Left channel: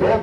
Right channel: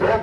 2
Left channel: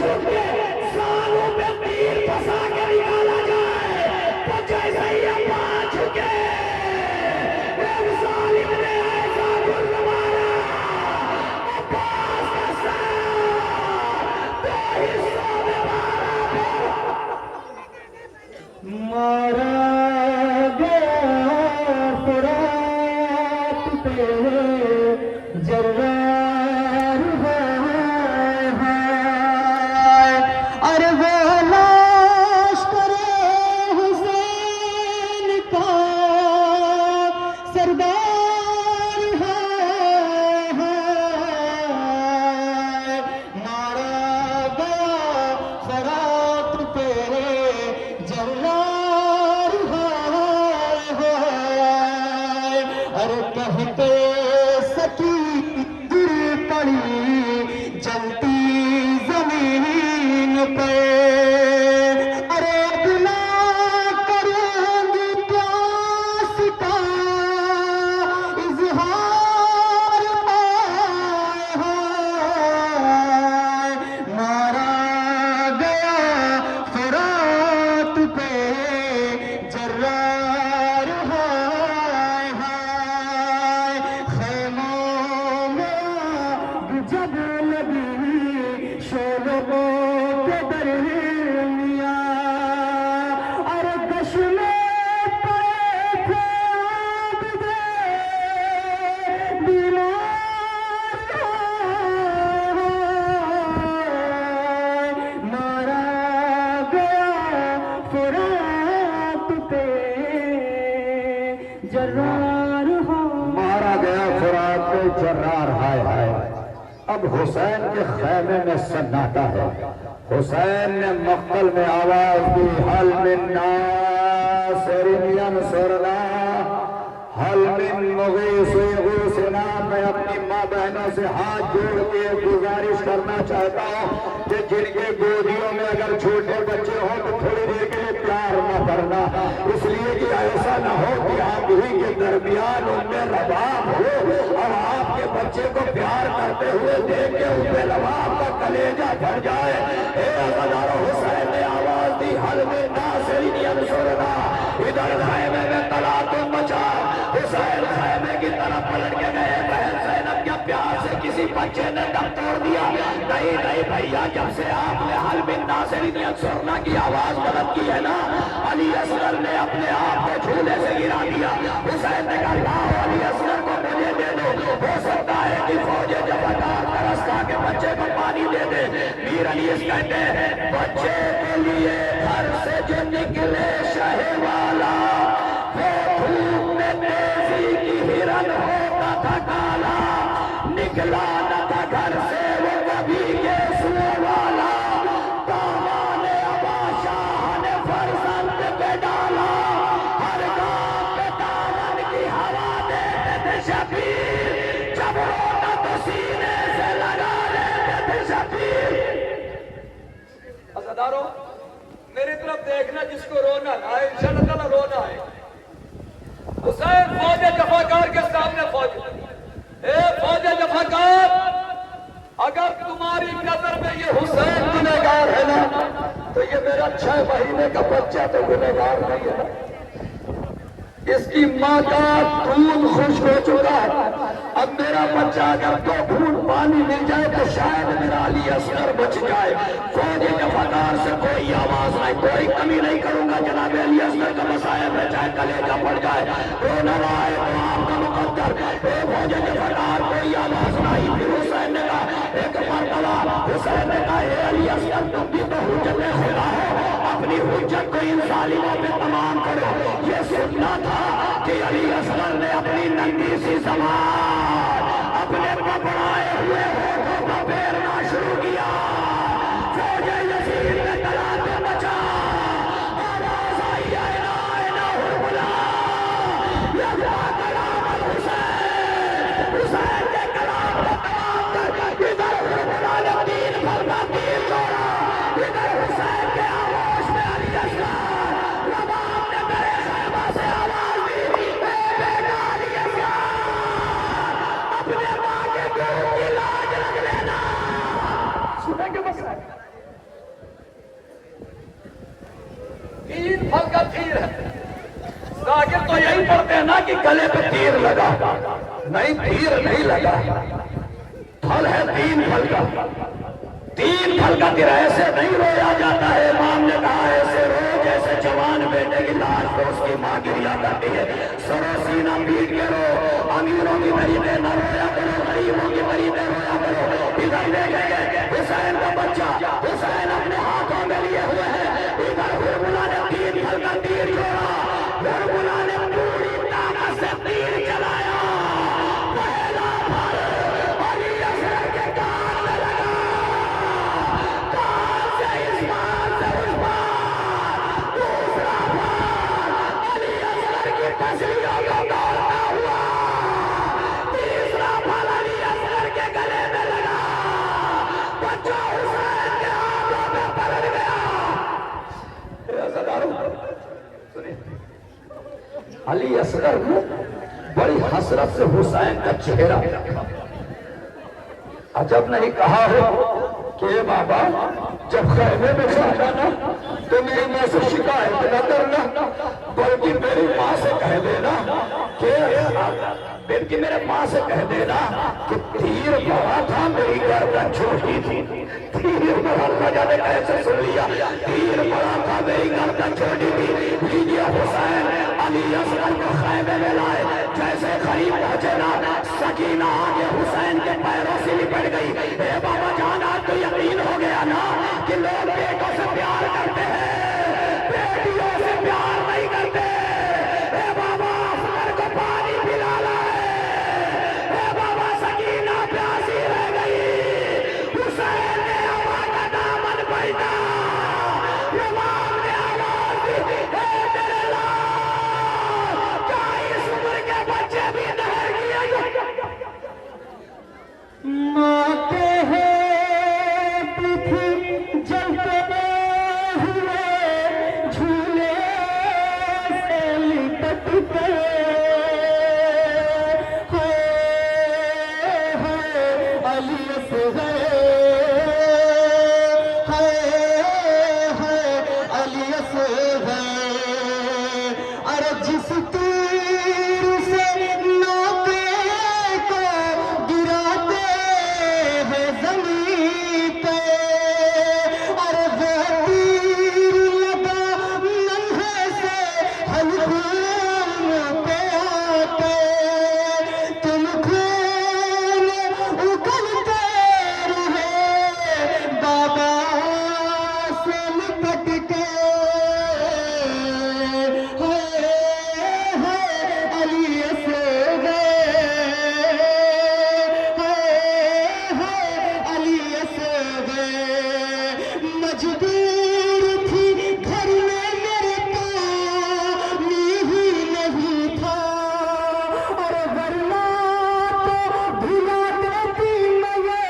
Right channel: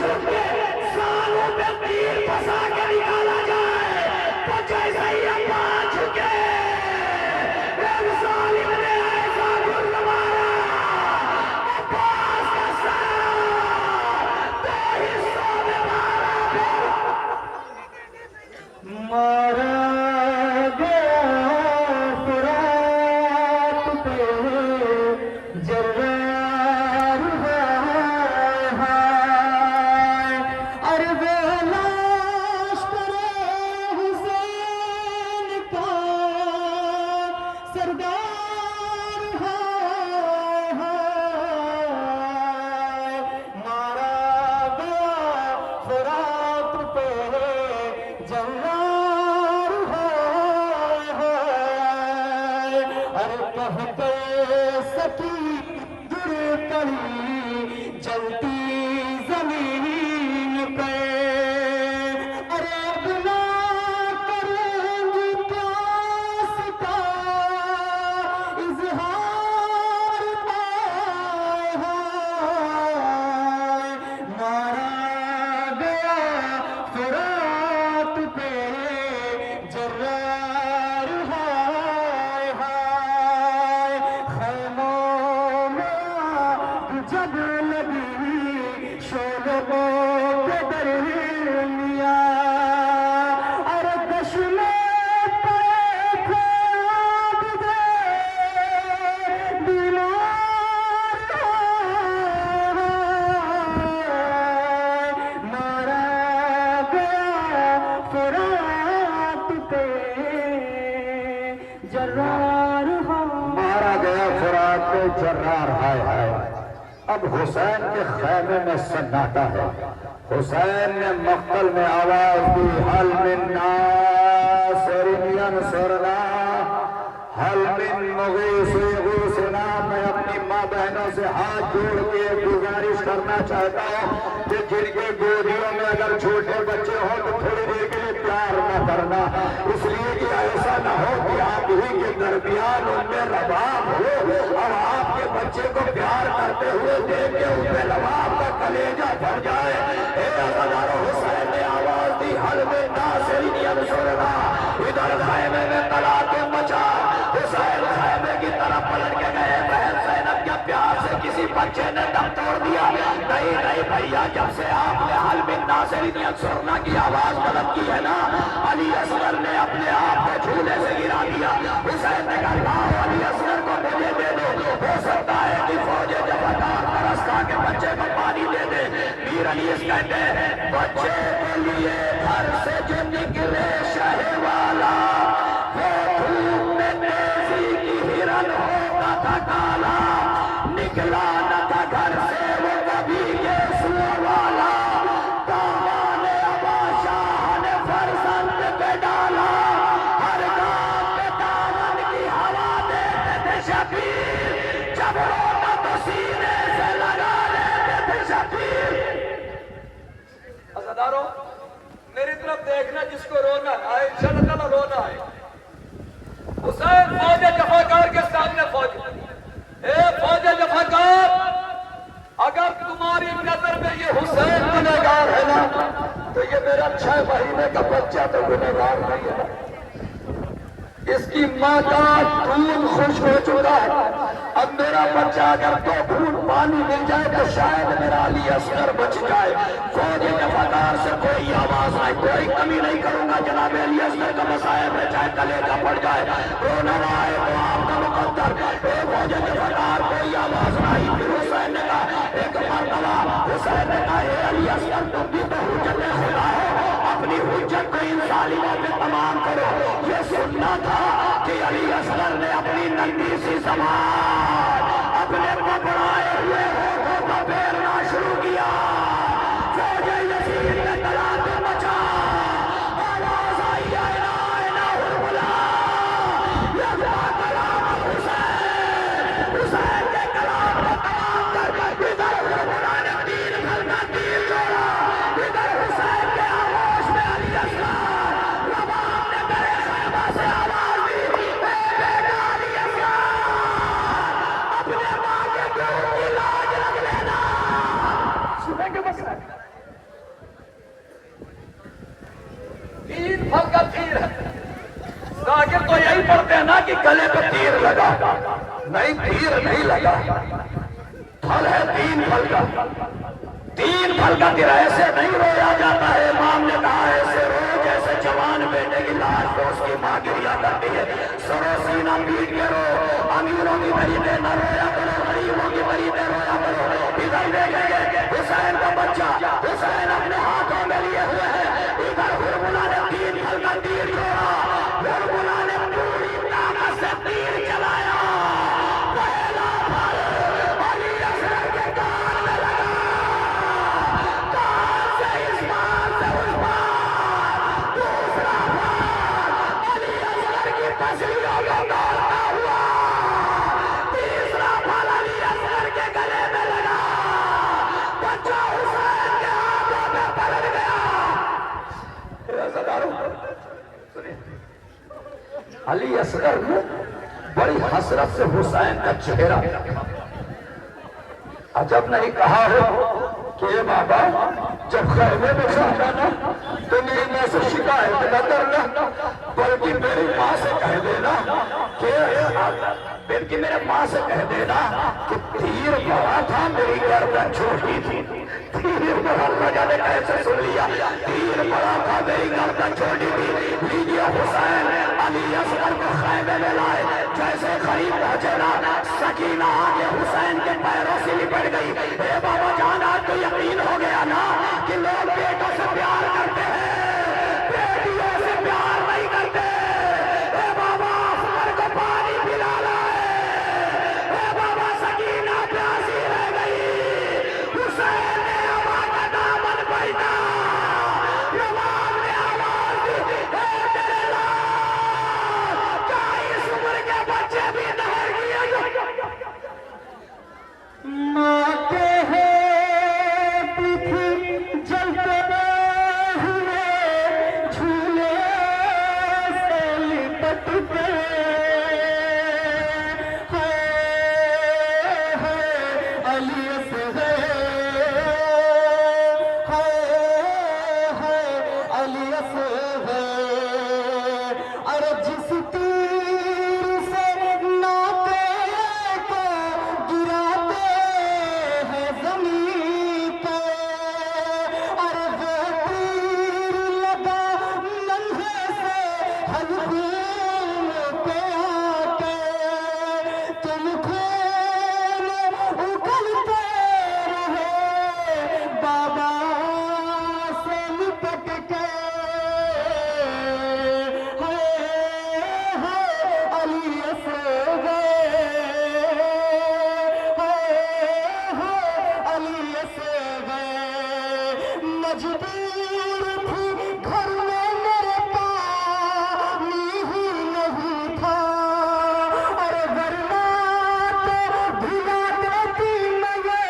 چھوٹ کے سالوں پہ تیر پھنسا کے نکالا جائے تو جیسے ہی ابا جھکے ایک ظالم نے ایسا گل مارا عباس کا سر دو حصوں میں مارا گیا فرات پہ جرار ہے اور وہ لشکر حسین کا سردار ہے مارا گیا فرات پہ جرار ہے اور کہتے سکی گر پڑی جلتی زمین پہ ارے بنا کریں گی پیاس کا اظہار مارا گیا فرات پہ جرار ہے خیموں میں جب لگی شعلوں کے درمیاں ارے دش میں پڑے تھے عابد بیمار مارا گیا فرات پہ جرار مارا گیا فرات پہ جرار ہے اب حسین کے خیمے میں سناٹا ہے حسین نے مقتل میں آواز دی حل من ناصر ینصرنا حل من مغیث یغیثنا میں اپنی ماں بہنوں سے ہاتھ جوڑ کے گزارش کرنا چاہتا ہوں کہ جن کے گودیوں میں اگر چھوٹے بچے ہوں تو تھوڑی دیر کے لیے پیار نہ کرنا اس لیے کہ ایسا نہ ہو کہ آپ ہی کے درمیان ان میں رباب ہو اور آپ کے بچے کو پیار کرتے ہوئے دیکھ کے ان میں رباب کا کلیجہ بھر جائے اے غدار حسین نے آواز دی حل میں ناصر ینصرنا ادھر خیمے میں تلاطم مچا حسین خیمے کی طرف پلٹ کے گئے بہن زینب کے پیار سے کسی بچے نے دم توڑ دیا نہیں بھیا جب سے آپ نے حل من ناصر ینصرنا کی آواز بلند کی ہے نا علی اصغر نے اپنے آپ کو جھولے سے گرا دیا حسین نے کہا لاؤ علی اصغر کو مجھے دے دو ہو سکتا ہے کہ فوج جفاکار ترستا کے بچے کو پانی دے دے میر علی اس کہتے ہیں بچے کے لیے گھر سے جو نکلے شہ والا وہ دھوپ میں تیزی کی ہرن ہوتا تھا کالا نکلا نہ تھا گھر سے وہ کبھی یہ سور والا دامان ابا شاہ نے فرزند پہ ڈالا ہر گام پہ دامن کی ہوا دیتے تھے شبیر جب رونا تو سینے سے لگا لیتے تھے شبیر عزاداروں میری طرف دیکھنا جس کو رونا آئے انشاءاللہ تعالیٰ رونا آئے حسین فوج جفاکار کے سامنے فوج اے فوج جفاکار اگر تمہاری نظر میں یہ حسین گنہگار ہے نا تو یہ میرا 6 مہینے کا بچہ تو گنہگار نہیں ہے اس کی ماں کا خون خشک ہو چکا ہے اب میرا بچہ اگر 2 بوند پانی مل جائے تو شاید میرا علی اصغر بچ جائے فوج جفاکار سے کوئی آواز نہیں کوئی کمی نہیں کروں گا جناب علی اصغر کا مسائب ہے چاہے کلیجہ پڑ جائے رونا آئے تو آپ کا مقدر اے فوج جفاکار کوئی آواز نہیں پھر حسین نے کہا ایک مرتبہ حسین نے کہا اے علی اصغر تم بھی تو حجت خدا ہو اپنی حجت کو ان ظالموں پہ تمام کرو یہ سننا تھا کہ علی اصغر نے اپنی ننگی سی زبان اپنے پکڑائے ہوئے ہونٹوں کو پھیرنا شروع کیا فوج یزید نے تلاطم مچا آواز آئی اینا حرملا یزا کلام الحسین حسین کے کلام کو تمام کر ادھر حرملا نے 3 گھر میں تیر جوڑا ادھر حسین کے آغوش میں علی اصغر رباب نے میرے خیمہ سے آواز دی اے بیٹا علی اصغر اپنے ماں کے دودھ کی لاج رکھ لینا سنیں گے مسئلہ ذاکر تو یہی پڑھتے ہیں نا کہ گلے پہ تیر لگا، نہیں تیر نہیں لگا، پھل ہے 3 پھل کا، 3 پھل کا تیر ایسے نہیں رویا جاتا ہے۔ امام نے کہا ایسے رو جیسے جوان بیٹے کی لاش کو اس کی ماں گریا کرتی ہے، سرو سینہ پیٹ کے رو، امیروں کی طریقے نہ رویا کرو، غریبوں کی طریقے رویا کرو۔ ادھر دیکھیں گے حسین کا بچہ، حسین اپنے ہاتھوں میں لیے ہوئے ہیں، ادھر ہرملا نے 3 پھل کا تیر چھوڑا، ہرملا نے پوری طاقت سے تیر چلایا، پہلا پھل علی اصغر کے کان میں لگا، کان سے اس پار سے اس پار، دوسرا پھل علی اصغر کی پسلیوں کو دوڑتا ہوا، تیسرا پھل علی اصغر کے گلے میں لگا، بچہ حسین کے ہاتھوں میں پلٹ گیا۔ علی اصغر نے بڑی حسرت سے حسین کا چہرہ دیکھا، عجب نہیں کہا ہو کہ اے بابا جب خیمے میں جانا تو میری ماں سے شکایت نہ کرنا، بلکہ میری ماں سے کہہ دینا کہ میرے ماں سے کہہ دینا کہ تیر بڑا تھا میری گردن چھوٹی تھی، تیر بڑا تھا، جانے کیسے سن لیا، تیر بڑا تھا میری گردن چھوٹی تھی۔ لیجیے حسین علی اصغر کو خیمے میں لائے، جیسے قریب پہنچے نا سکینہ آگے حسین کے پیروں سے لپٹ گئی۔ اے بابا جان آج تو یقین ہو گیا نا کہ لوگ بیٹوں سے پیار کرتے ہیں، بیٹیوں سے پیار نہیں کرتے۔ اے بابا اصغر کو پانی پلا لائے، اے بابا سکینہ پیاسی رہ گئی، حسین نے ہوا کا دامن پہنا، امام نے آواز دی، اے تیرے لال کیا اس عمر کے بچے بھی نہر کیے ماں کے ہاتھ تھی جلتے ہوئے جھولے سے لپٹ گئے، علی اصغر، علی اصغر، ارے جس تیر سے ناکے کو گراتے ہیں زمین پہ، اور وہ تیر لگا ننھے سے حلقوم پہ آ کے، تم خون اگلتے رہے دادا سے لپٹ کے، علی اصغر، علی اصغر، مجبور تھی گھر میں میرے پانی ہی نہیں تھا، اور ورنہ تو بھلا دیتی میں یہ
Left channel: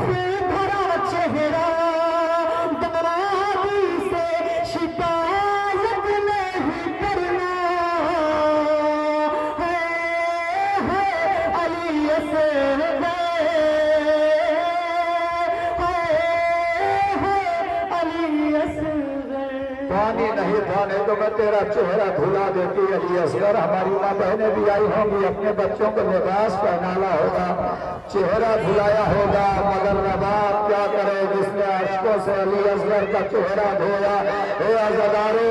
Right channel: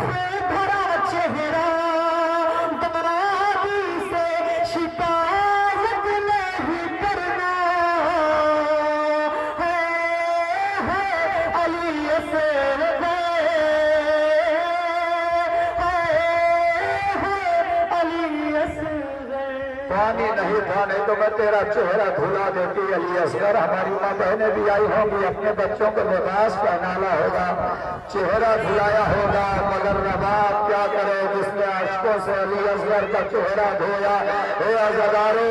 سے بھرا چہرہ، دمادی سے شکایت نہیں کرنا ہے علی اصغر، علی اصغر۔ پانی نہیں تھا، نہیں تو میں تیرا چہرہ دھلا دیتی علی اصغر۔ ہماری ماں بہنیں بھی آئی ہوں گی، اپنے بچوں کو لباس پہنانا ہوگا، چہرہ دھلایا ہوگا، مگر رباب کیا کرے جس نے اشکوں سے علی اصغر کا چہرہ دھویا۔ اے عزادارو،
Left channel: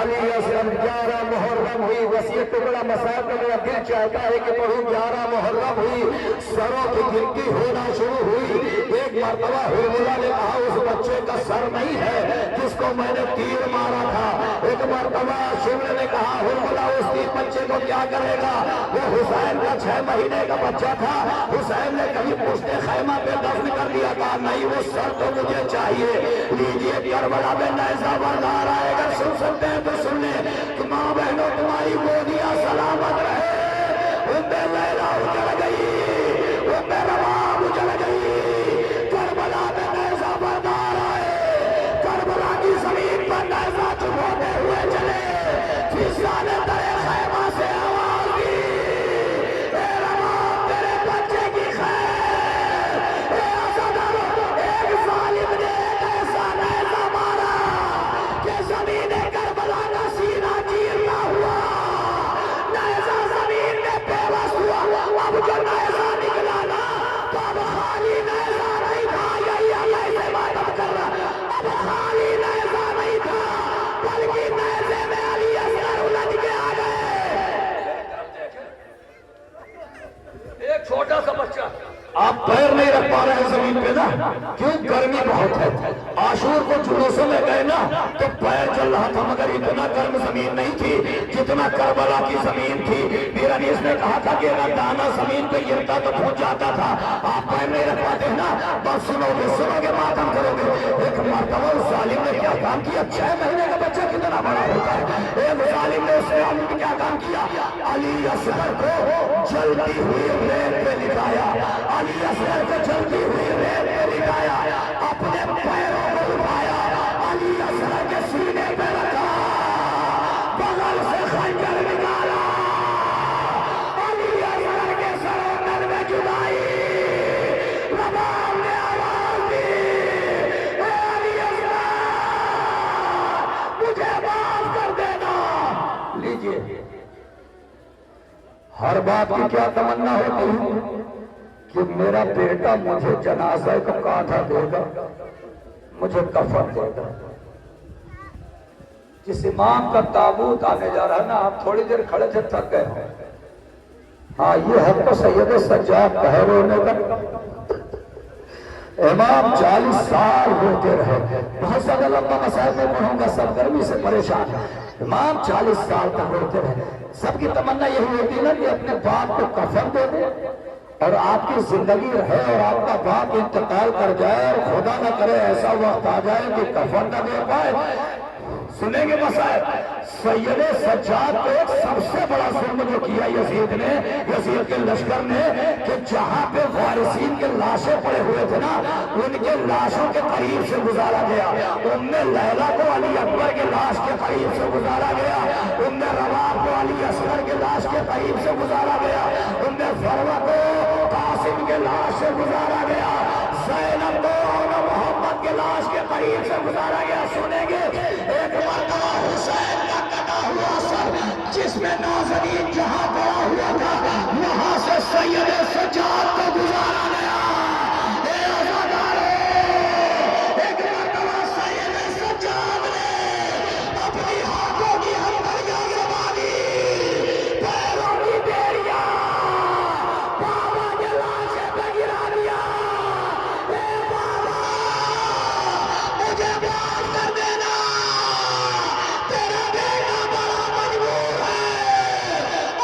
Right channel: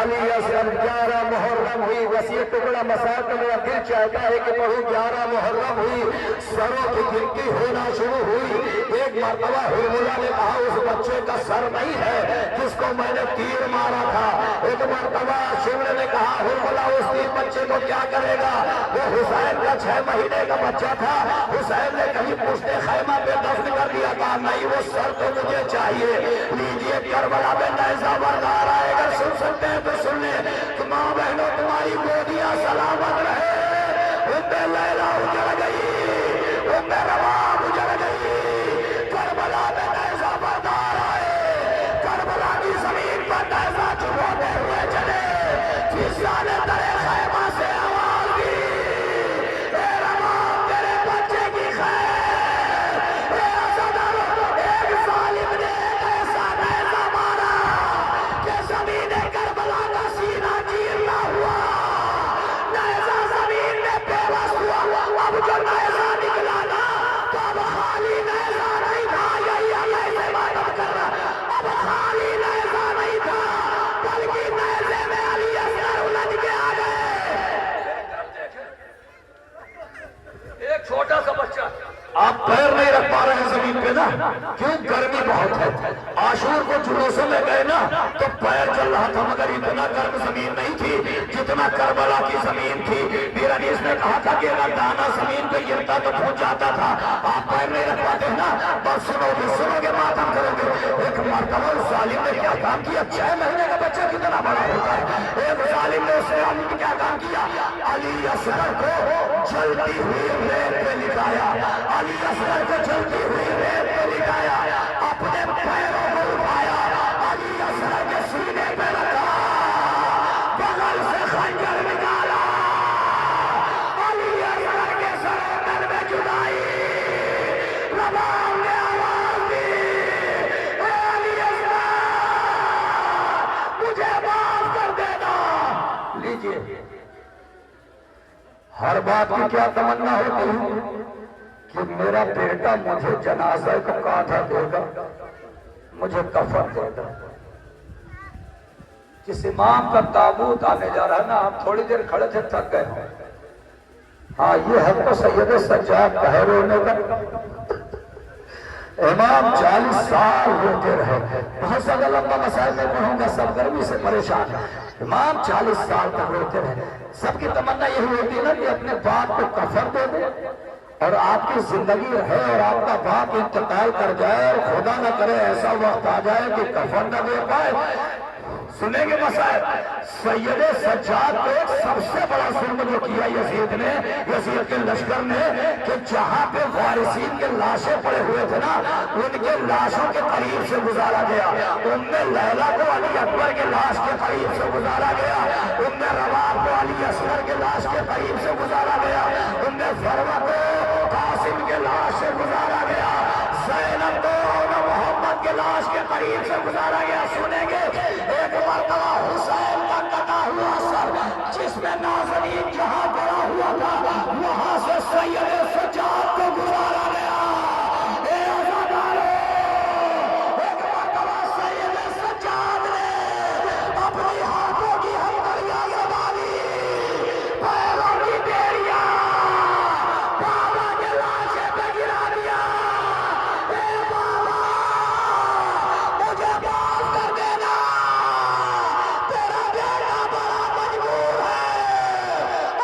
علی اصغر 11 محرم ہوئی، وسیع ٹکڑا مساق کا میرا دل چاہتا ہے کہ پڑھوں 11 محرم ہوئی، سروں کی گنتی ہونا شروع ہوئی۔ ایک مرتبہ ہرملا نے کہا اس بچے کا سر نہیں ہے جس کو میں نے تیر مارا تھا۔ ایک مرتبہ شمر نے کہا ہرملا اس تیر بچے کو کیا کرے گا، وہ حسین کا 6 مہینے کا بچہ تھا۔ حسین نے کبھی پشتے خیمہ پہ دفن کر دیا، کہا نہیں وہ سر تو مجھے چاہیے۔ لیجیے کربلا میں نیزہ بردار آئے، اگر سن سکتے ہیں تو سن لیں کہ ماں بہنوں تمہاری گودیاں سلامت رہے۔ لیلا اجڑ گئی، رباب اجڑ گئی، کربلا میں نیزہ بردار آئے، کربلا کی زمین پر نیزہ چبوتے ہوئے چلے، فضا نے درے خیمہ سے آواز دی، اے رباب تیرے بچے کی خیر۔ اے عزادارو، ایک ظالم نے ایک ایسا نیزہ مارا کہ زمین کربلا کا سینہ چیرنا ہوا۔ نہیں رکھ پا رہے ہیں زمین پہ نا، کیوں؟ گرمی بہت ہے۔ عاشور کو جلوسوں میں گئے نا تو پیر چل رہا تھا، مگر اتنا گرم زمین نہیں تھی جتنا کربلا کی زمین تھی۔ پھر انیس نے کہا تھا کہ اگر دانا زمین پہ گرتا تو پھوٹ جاتا تھا، آپ پیر نہیں رکھ پاتے نا، بس سنو گے ماتم کرو گے۔ ایک مرتبہ اس ظالم نے کیا کام کیا، 6 مہینے کا بچہ کتنا بڑا ہوتا ہے، ایک ظالم نے اس نے کیا کام کیا، علی اصغر کو جلتی ہوئی ریت پہ لٹایا، علی اصغر کو جلتی ہوئی ریت پہ لٹایا، اپنے پیروں کو اٹھایا، علی اصغر کے سینے پہ رکھا، بغل سے خنجر نکالا، علی اصغر کے سرندر میں جدائی، رباب نے آواز دی، اے علی اصغر مجھے معاف کر دینا۔ لیجئے، ہر بات کی کیا تمنا ہوتی ہے کہ میرا بیٹا مجھے جنازہ کا کاٹھا دے گا، مجھے کفن دے گا۔ جس امام کا تابوت آنے جا رہا ہے نا، آپ تھوڑی دیر کھڑے تھے، تھک گئے ہوں۔ ہاں، یہ حق تو سید سجاد کا ہے رونے کا۔ امام 40 سال روتے رہے، بہت زیادہ لمبا مسائل میں پڑھوں گا، سب گرمی سے پریشان ہے۔ امام 40 سال تک روتے رہے، سب کی تمنا یہی ہوتی ہے نا کہ اپنے باپ کو کفن دے دے اور آپ کی زندگی رہے اور آپ کا باپ انتقال کر جائے اور خدا نہ کرے ایسا وقت آ جائے کہ کفن نہ دے پائے۔ سنیں گے مسائل، سید سجاد کو ایک سب سے بڑا ظلم جو کیا یزید نے، یزید کے لشکر نے، کہ جہاں پہ وارثین کے لاشیں پڑے ہوئے تھے نا، ان کے لاشوں کے قریب سے گزارا گیا۔ ام لیلہ کو علی اکبر کے لاش کے قریب سے گزارا گیا، ام رباب کو علی اصغر کے لاش کے قریب سے گزارا گیا، ام فروہ کو قاسم کے لاش سے گزارا گیا، زینب کو محمد کے لاش کے قریب سے گزارا گیا۔ سنیں گے ایک مرتبہ حسین کا کٹا ہوا سر جس میں نازنین جہاں پڑا ہوا تھا، یہاں سے سید سجاد کو گزارا گیا۔ اے عزادارے، ایک مرتبہ سید سجاد نے اپنی ہاتھوں کی ہتھیلیاں زبانی، پیروں کی بیڑیاں بابا کے لاشے پہ گرا دیا۔ اے بابا، مجھے معاف کر دینا، تیرا بیٹا بڑا مجبور ہے،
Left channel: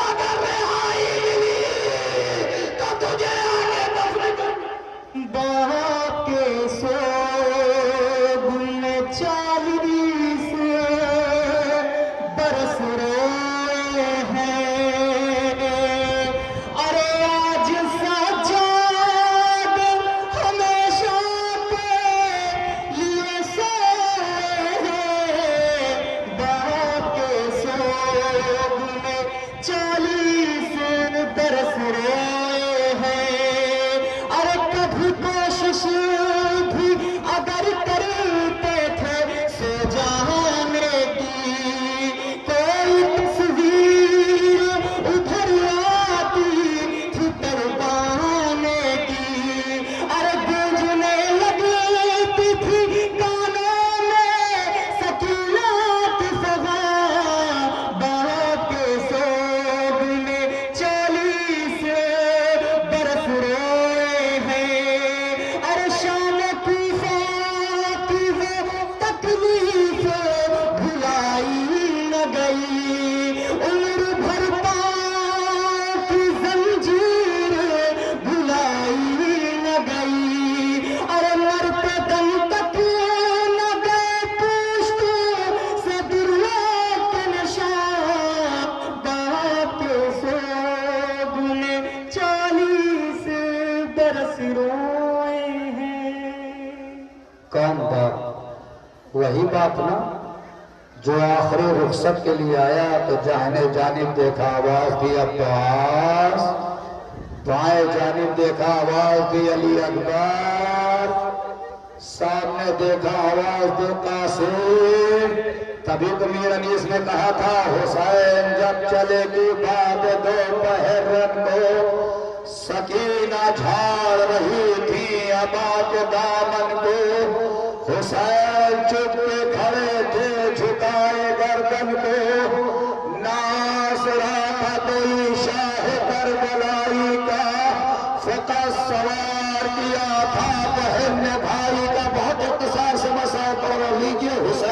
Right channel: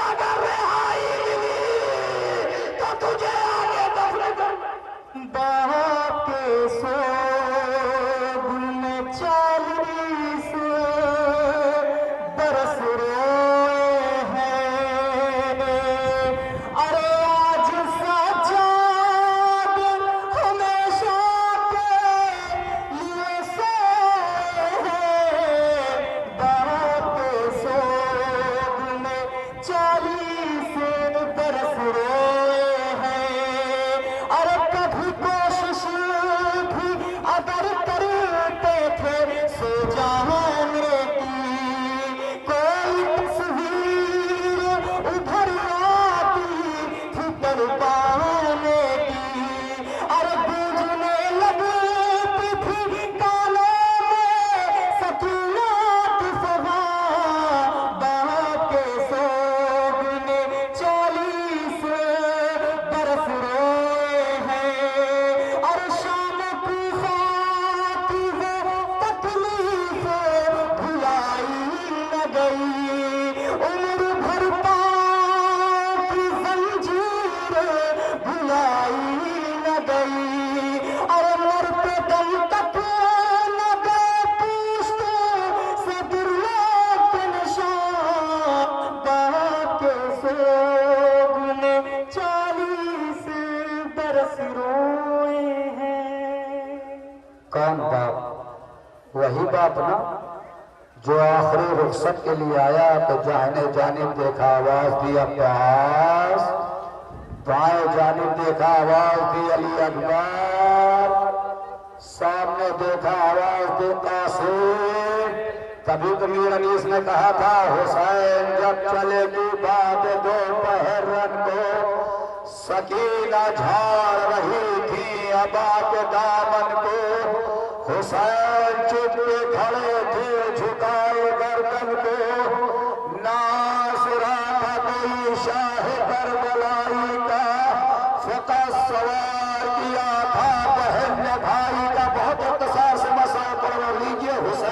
اگر رہائی ملی تو تجھے آگے دفن کرنا۔ باپ کے سوگ میں 40 برس روئے ہیں، ارے آج سجاد ہمیشہ کے لیے سوئے ہیں، باپ کے سوگ میں 40 برس روئے ہیں، ارے کبھی کوشش بھی اگر کرتے تھے سو جانے کی، کوئی تصویر ابھر آتی تھی پروانے کی، ارے گونجنے لگتی تھی کانوں میں سکینہ کی زبان، باپ کے سوگ میں 40 برس روئے ہیں، ارے شان کوفہ کی وہ تکلیف بھلائی نہ گئی، عمر بھر پاؤں کی زنجیر بھلائی نہ گئی، ارے مرتے دم تک نہ گئے پوشتوں سے دریا کے نشان، باپ کے سوگ نے 40 برس روئے ہیں۔ کون باپ؟ وہی باپ نا جو آخری رخصت کے لیے آیا تو داہنے جانب دیکھا، آواز دی عباس، بائیں جانب دیکھا، آواز دی علی اکبر، سامنے دیکھا، آواز دی قاسم۔ تبھی تو میر انیس نے کہا تھا، حسین جب چلے گی بات دوپہر رات کو، سکینہ جھاڑ رہی تھی ابا کے دامن کو، حسین چپ کے کھڑے تھے جھکائے گردن کو، ناس رہا تھا کوئی شاہ کربلائی کا، فقط سوار کی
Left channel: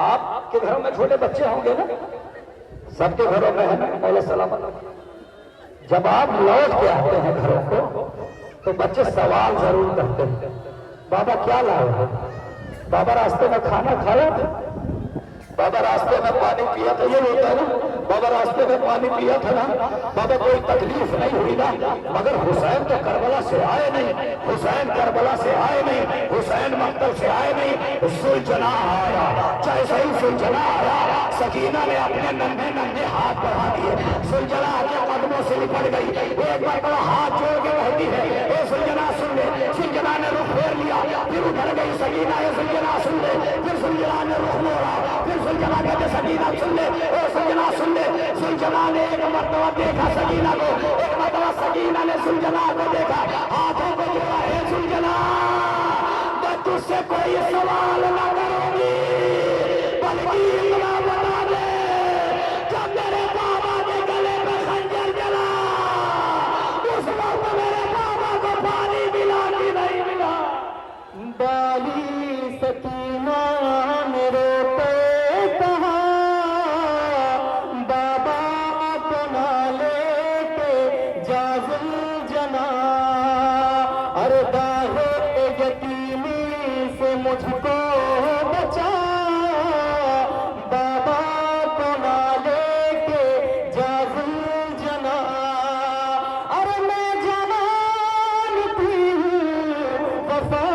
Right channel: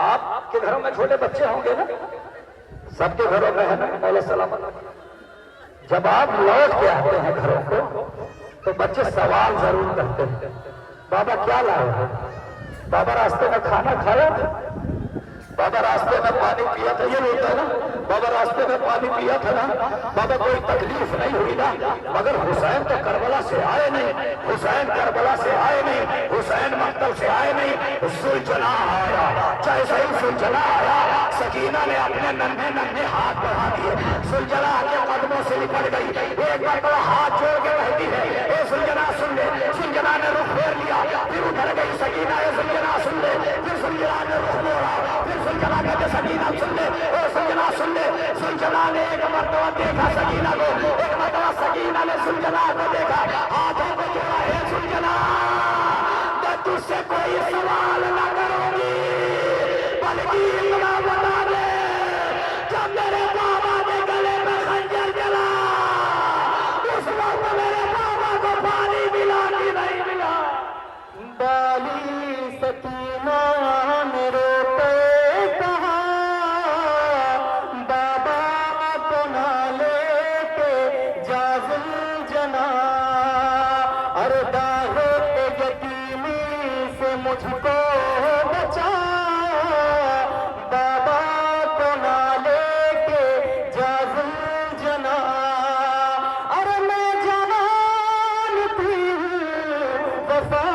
آپ کے گھروں میں چھوٹے بچے ہوں گے نا؟ سب کے گھروں میں ہے نا مولا سلامت؟ جب آپ لوٹ کے آتے ہیں گھروں کو تو بچے سوال ضرور کرتے ہیں، بابا کیا لائے ہو؟ بابا راستے میں کھانا کھایا تھا؟ بابا راستے میں پانی پیا تھا؟ یہ ہوتا ہے نا، بابا راستے میں پانی پیا تھا نا؟ بابا کوئی تکلیف نہیں ہوئی نا؟ مگر حسین تو کربلا سے آئے نہیں، حسین کربلا سے آئے نہیں، حسین مقتل سے آئے نہیں، سلجنا آیا۔ جیسے ہی سلجنا آیا سکینہ نے اپنے ننھے ننھے ہاتھ بڑھا دیے، سلجنا کے قدموں سے لپٹ گئی، ایک مرتبہ ہاتھ جوڑ کے کہتی ہے اے سلجنا سن لے۔ سلجنا نے رخ پھیر لیا، پھر ادھر گئی سکینہ، اے سلجنا سن لے، پھر سلجنا نے رخ موڑا، پھر سلجنا کہتے سکینہ سن لے، اے سلجنا سن لے۔ سلجنا نے ایک مرتبہ دیکھا سکینہ کو، ایک مرتبہ سکینہ نے سلجنا کو دیکھا، ہاتھوں کو جوڑا، اے سلجنا میں تجھ سے کوئی سوال نہ کروں گی، بلکہ اتنا بتا دے جب میرے بابا کے گلے میں خنجر جلا اس وقت میرے بابا کو پانی ملا کہ نہیں ملا؟ بالی سکینہ نے روتے کہا بابا کو نہ لے کے جا زلجنا، ارے داغ یتیمی سے مجھ کو بچا، بابا کو نہ لے کے جا زلجنا، ارے میں جوان تھی وفا